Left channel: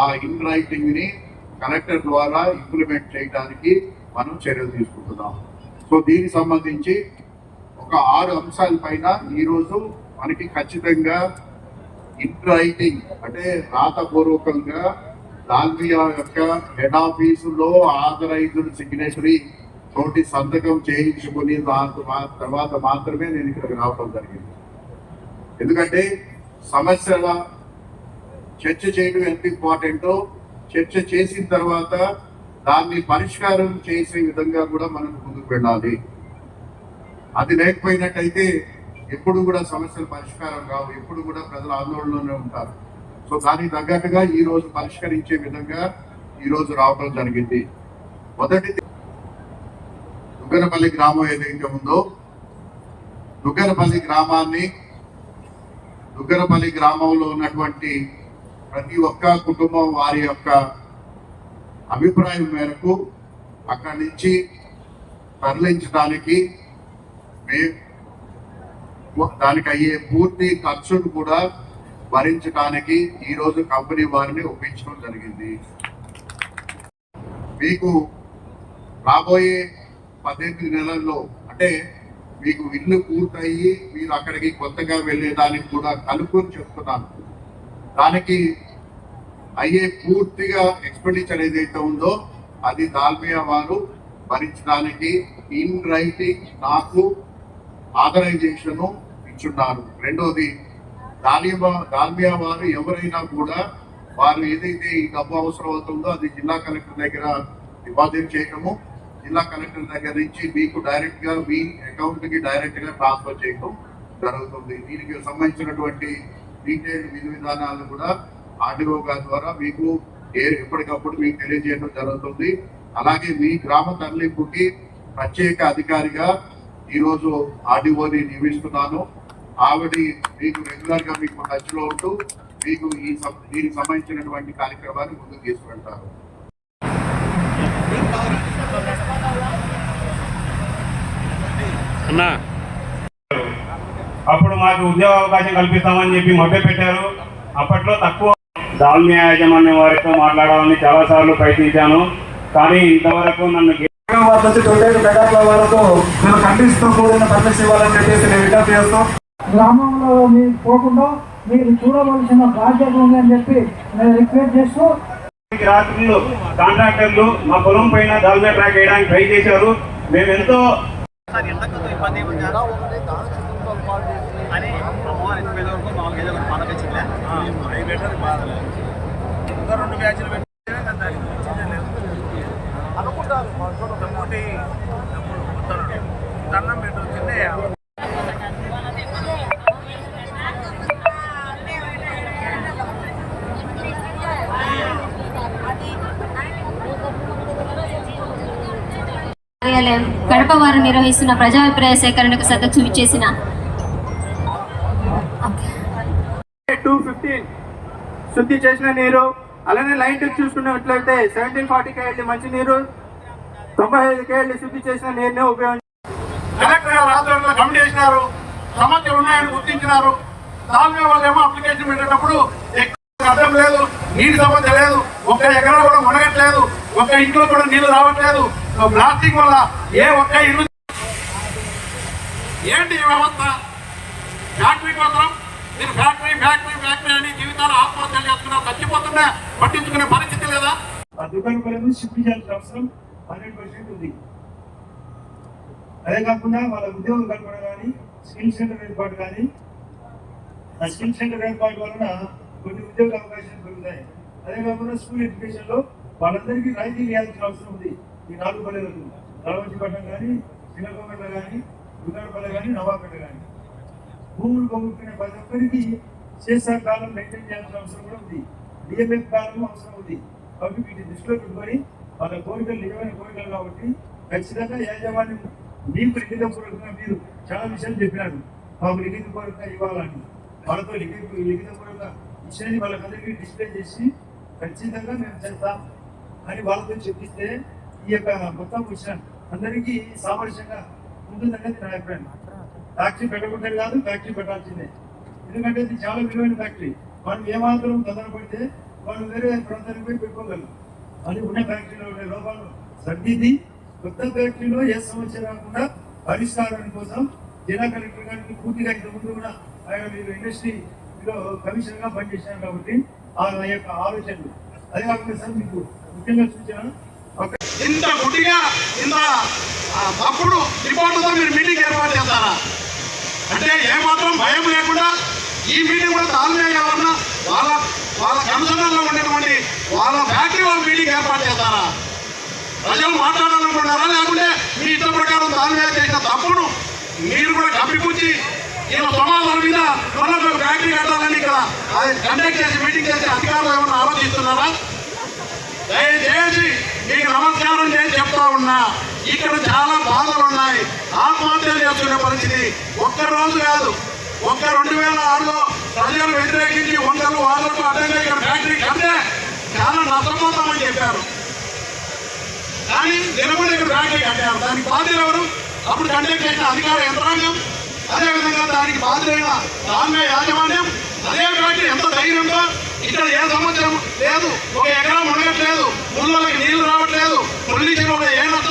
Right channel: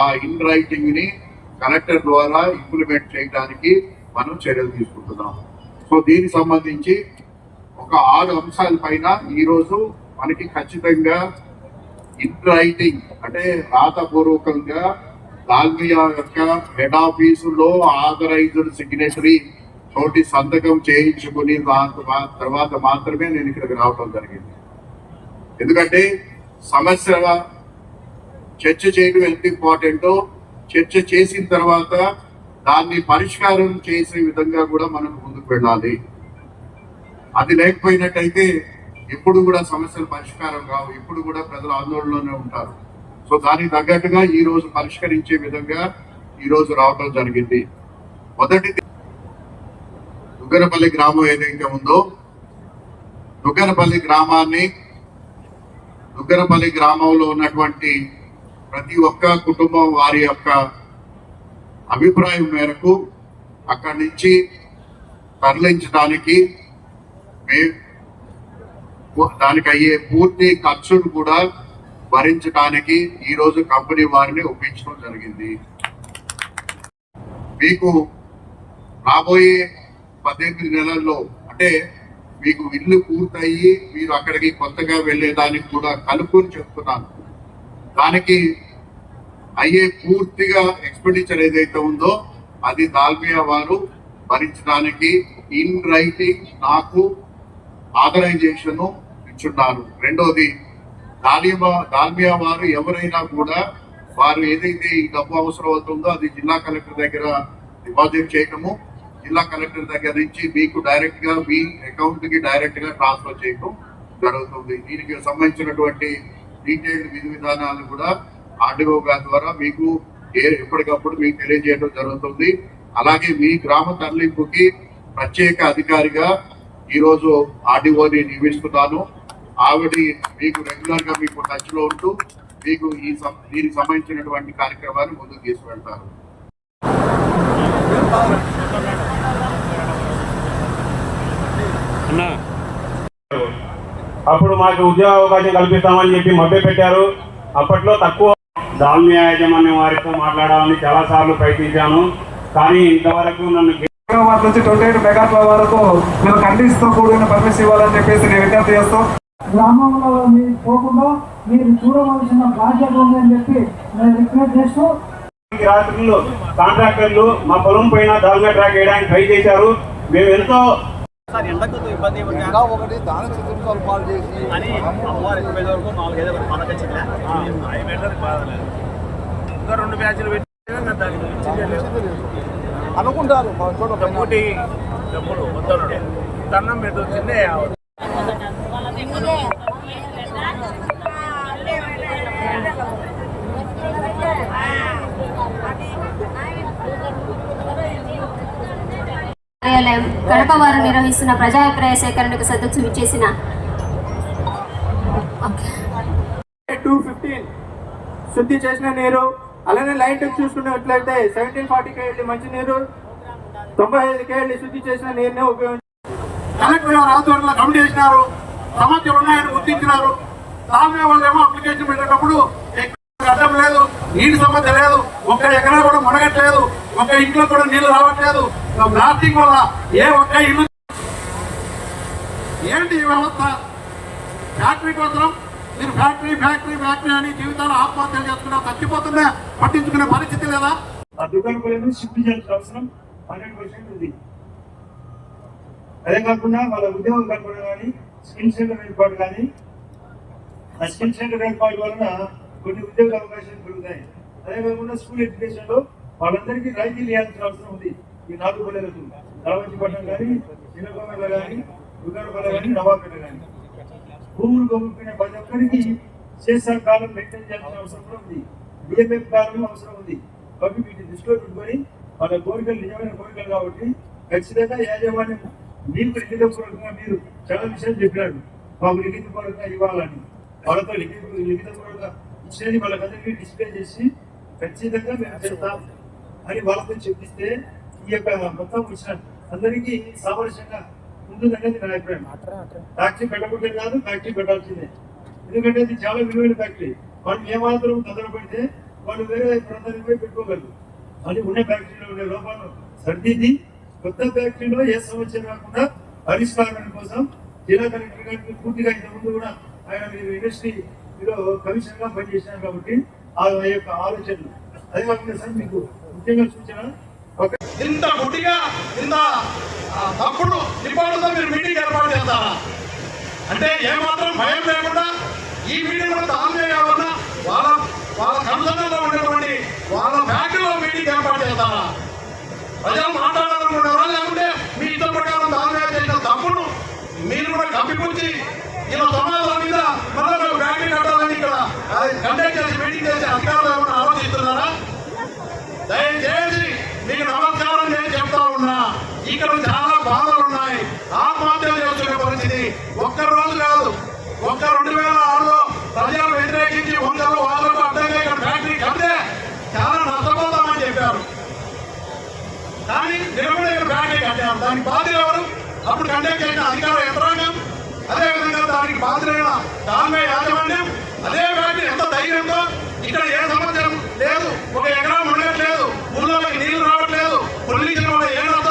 ఆ ఇన్ రైటింగ్ని కలెక్టర్ ద్వారా ఇంప్లిమెంట్ చేయడానికి మనం చర్యలు తీసుకుంటున్నాం. సో దీనికి సంబంధించి ఒక ఆరు అంశాల పైన ఈరోజు మనకి ఖచ్చితంగా ఇన్ రైటింగ్ అంటే రాతపూర్వకంగా దాల్మియా యొక్క హెడ్ ఆఫీసులో ఆథరైజ్డ్ సిగ్నేటరీ తోటి సంతకం చేయించుకుని దాని తర్వాత మాత్రమే నేను ఇక్కడికి రావడం జరిగింది. ఎందుకంటే సమస్యల చర్చ చేయడం ఎంత ఇంపార్టెంటో చర్చ చేసిన తర్వాత దాన్ని పరిష్కారం చేసే విధంగా కూడా మనం ముందుకు వెళ్ళాలి. అది లేకపోయినట్టయితే ఎప్పుడు కూడా సమస్యలు పరిష్కారం కావు. ఎప్పుడు కూడా ప్రజలు ఆందోళనలోనే ఉంటారు. సో దానికి తగ్గట్టుగా ఈ రోజు పరిష్కరించే విధంగా ఈ రోజు రావడం జరిగింది. మొదటిది దుగ్గరపల్లి గ్రామం ఏదైతే ఉందో దుగ్గరపల్లి గ్రామాన్ని దుగ్గరపల్లి గ్రామంలో ఉన్నటువంటి ప్రతి ఒక్క కుటుంబం వారి యొక్క అభిప్రాయం మేరకు అక్కడి నుంచి తరలించడానికి మే- దానికి అయ్యే పూర్తి ఖర్చును కూడా భరించడానికి ఈ రోజు కంపెనీ వారిని ఒప్పించడం జరిగింది. మీకు రాబోయే పద్దెనిమిది నెలల్లో అంటే మీకు ఇల్లు పూర్తయి మీరు అక్కడికి కొత్తగా వెళ్ళేదానికి కూడా కలుపుకొని చెప్తున్నాను. దానికి అయ్యే పూర్తిగా ఎక్స్పెండిచర్ ఏదైతే ఉందో అది దాల్మియా వారు భరించడానికి ఇన్ రైటింగ్ నాకు ఆథరైజేషన్ ఇచ్చున్నారు. రెండోది దాలియా దాల్మియా వారు ఎవరైనా కూడా వారు ఏదైతే ఈ డబ్బు అవసరం అవుతుందో అది జిల్లా కలెక్టర్ దగ్గర డిపాజిట్ చేయటము జిల్లా కలెక్టర్ దగ్గర నుంచి మీకు డైరెక్ట్గా మీ అకౌంట్కి డైరెక్ట్గా ట్రాన్స్ఫర్ చేయటం జరుగుతుంది. దీనికి సంబంధించినటువంటి డీటెయిల్డ్ విధి విధానాలు కూడా ఆర్డీఓ గారి ద్వారా మీకు ఏ- ఎప్పటికప్పుడు మీకు తెలియజేయడం జరుగుతుంది. అలాగే మీ గ్రామ తరలింపుకి ప్రత్యేక అధికారిగా ఈ రోజు ఆర్డీఓని నియమిస్తున్నాను. ఆవిడ మీకు రెగ్యులర్గా మీకు టచ్లో ఉంటూ మీకు ఈ దీనికి సంబంధించినటువంటి కార్యక్రమాన్ని ముందుకు తీసుకెళ్తారు. అన్నా. అప్పుడు మాకు ఉద్యోగ అవకాశం కల్పిస్తామని చెప్పి మభ్య పెట్టారు అప్పట్లో తక్కువ దాల్మియా యాజమాన్యం వారితో మాట్లాడాలని చాలాసార్లు ప్రయత్నించాను. కానీ ఇంతవరకు నన్ను హైదరాబాద్ నుంచి ట్వంటీ ఎయిట్ మెగాట్ల వరకు నేను కండిషన్తో కూడిన పర్మిషన్ ఇవ్వాలని చెప్పేసి నేను విజ్ఞప్తి చేస్తూ గ్రామంలో మీరు పోకుండా మీరు చూడవలసిన బాధ్యత ఉందని చెప్పి నేను రిక్వెస్ట్ చేస్తూ రాత్రులు కాంట్రాక్టర్లు మా పొలం పైన దాల్మియా ట్రాక్ వేయడానికి ట్రై చేశారు. మేము ఎంతో సార్ ఎండకు ఇబ్బంది ఏమి కాదు. అని అమ్మవారు ఇరవై వరకు మామూలుగా ఏదో ఒకటి మనకు వచ్చిందిలే ఇంకా రెండు బ్యాచ్లు పెట్టి అనుకుంటారు డబ్బుటి డబ్బులు వద్దనుడే దండం పెట్టు కిందే కార్యాలయం కడప వారు నిర్వహిస్తున్న ప్రజాభిప్రాయ సేకరణకు సదస్సు విచ్చేసిన టూ ఫిఫ్టీన్ శుద్ధి చేసిన నీరు అలానే లైన్ టెక్ చూసుకున్నట్లయితే సెవెంటీన్ ఫార్టీ కేఎల్డి మంచి నీరు తొంభై ఐదు కేఎల్డి శుద్ధి చేసిన నీరునే ఉపయోగించారు కలెక్టర్ గారు ఆధ్వర్యంలో కమిటీ చేసినారు సమస్యలు ఉన్నాయని గుర్తించినారు. దాని వాళ్ళు ఏమో అప్లికేషన్ పెట్టేటప్పుడు ఎక్కడ అడ్డం లేదు నీటి సమస్య లేదు ఒక్క ఎకరా కూడా మునగట్లేదు ఒక ఇంట్లో కూడా నీళ్ళు రావట్లేదు. బ్లాస్టింగ్ వల్ల ఏ ఒక్క ఇల్లు ఏంటి ఈ వ్యవస్థ? ఫ్యాక్టరీ కోసం మీరు ఫ్యాక్టరీ ఫ్యాక్టరీ ఫ్యాక్టరీ అని జీవితాలు ఆత్మహత్యలు చేసుకున్నా చచ్చిపోతున్నా పట్టించుకునే పరిస్థితి లేదా? ఆ దుకాణం షిఫ్ట్ చేయాల్సిన అవసరం హండ్రెడ్ పర్సెంట్ ఉంది. అదే కాకుండా వాళ్ళ ఉద్యోగం కల్పన కానీ స్కిల్ సెంటర్ ఏర్పాటు కానీ ఆ స్కిల్ సెంటర్ ఏర్పాటు వలన కొన్ని ఉద్యోగ అవకాశాలు పెరుగుతాయి. అదే కాకుండా స్కూల్ ఎడ్యుకేషన్లో వాళ్ళందరికీ రాయితీలు ఇవ్వాల్సిన అవసరం ఉంది. ఈ నాలుగు పల్లెలకు రావంచిపట్నం కానీ చిన్నకొమ్మల కానీ ఉదరపల్లె కానీ నవాపేట కానీ భూములు కొనుక్కునే ప్రతి ఒక్కరికి శేషా కాలం మెయింటైన్ చేయాల్సిన అవసరం కూడా ఉంది. డిఎంఎఫ్ కాలం అవసరం ఉంది. కాబట్టి వీటిని దృష్టిలో పెట్టుకొని వాళ్ళ కోరికలు నిజమైన కోరికలు కాబట్టి ఖచ్చితంగా యాజమాన్యం మీకు లిఖితపూర్వకంగా మీరు చాలా విషయాలు చెప్పినారు. మాకు లిఖిత లిఖితపూర్వకంగా ఇవ్వాలని. వాళ్ళతో లిఖిత లిఖిత లిఖితపూర్వకంగా ఇచ్చినది వాళ్ళకందరికీ డిస్ప్లే చేసి ఖచ్చితంగా మేము చేస్తాం అని వాళ్ళతో చెప్పిస్తే ఈ యొక్క మొత్తం విషయం అందరికీ సామరస్యంగా ఉంటుందనేది నా అభిప్రాయం. ఫ్యాక్టరీ పెట్టకూడదు కాదు ఫ్యాక్టరీ పెట్టాల్సిందే. ఎందుకంటే ఇది చాలా విలువైన ఫ్యాక్టరీ. వాళ్ళు ఏమాత్రం తొందర పెడితే వాళ్ళు వేరే ప్రాంతానికి పోయి పెట్టుకోగలరు. అది ఉన్న ఫ్యాక్టరీలో ఉండే లోపాలు సర్దిద్ది కొత్త ఫ్యాక్టరీలో ఏ సమస్య రాకుండా పరిష్కారం కోసం జిల్లా కలెక్టర్ గారికి పూర్తిగా ఇంతకుముందు కూడా ఆయన మీరు ఇండస్ట్రీలో కమిషన్గా పనిచేశారు కాబట్టి ఆ యొక్క ఆలోచనలు. అదే కాకుండా సార్ మీకు ముఖ్యంగా సూచన ఇంత గుడ్డిగా ఇంత తప్పుడు రిపోర్టుతో మీరు మీటింగ్ ఏర్పాటు చేస్తారా? అంటే ఏమాత్రం భయం లేకుండా ఈ మీటింగ్ కూడా తాల్మే కాకుండా వాళ్ళ వాళ్ళ కన్సర్న్లో ఉండేటువంటి వాళ్ళ ఫ్యాక్టరీలో మీటింగ్ ఏర్పాటు చేస్తారా? ప్రజలు మాట్లాడాలనుకుంటారా లేకుంటే మీ ఇష్టం ప్రకారం తాల్మే చేసిన తప్పును మీరు కూడా కప్పిపుచ్చి ఇలా సమాధానం మీద మరొక ఫ్యాక్టరీ కట్టాలని ఇక్కడ కండక్ట్ చేసి మీటింగ్ చేసే అధికారులు ఏమైనా ఆలోచిస్తున్నారా? దయచేసి ఈ నమస్కారం నేను చెప్తా ఉన్నా ఇక్కడ చాలా బాధలు ఉన్నాయి. ఆత్మహత్యలు చేస్తున్న పరిస్థితి ఒక్క రోజు కాదు. ఒక్క రెండు వేల ఆరులో ప్రజలు వ్యతిరేకించి వందలు వాళ్ళకు అడ్డంగా ఇక్కడ ఫ్యాక్టరీ కంటే చాలా నష్టపోతామని చెప్పారు. కానీ నిలబడే ఫ్యాక్టరీ కట్టారు. దానికి బాధ్యులు ఎవరు? అప్పుడు కండక్ట్ చేసిన అధికార యంత్రాంగం అదేవిధంగా దానికి బాధ్యులైన తామే యాజమాన్యం అదే ఫ్యాక్టరీ ఎంత ధైర్యంతో ఇక్కడ ఏ సమస్య లేదు ఒక ఎకరా ఉండట్లేదు నీళ్ళు నీళ్ళు ಕೊಡಲಿಕ್ಕೆ ಏನಂತ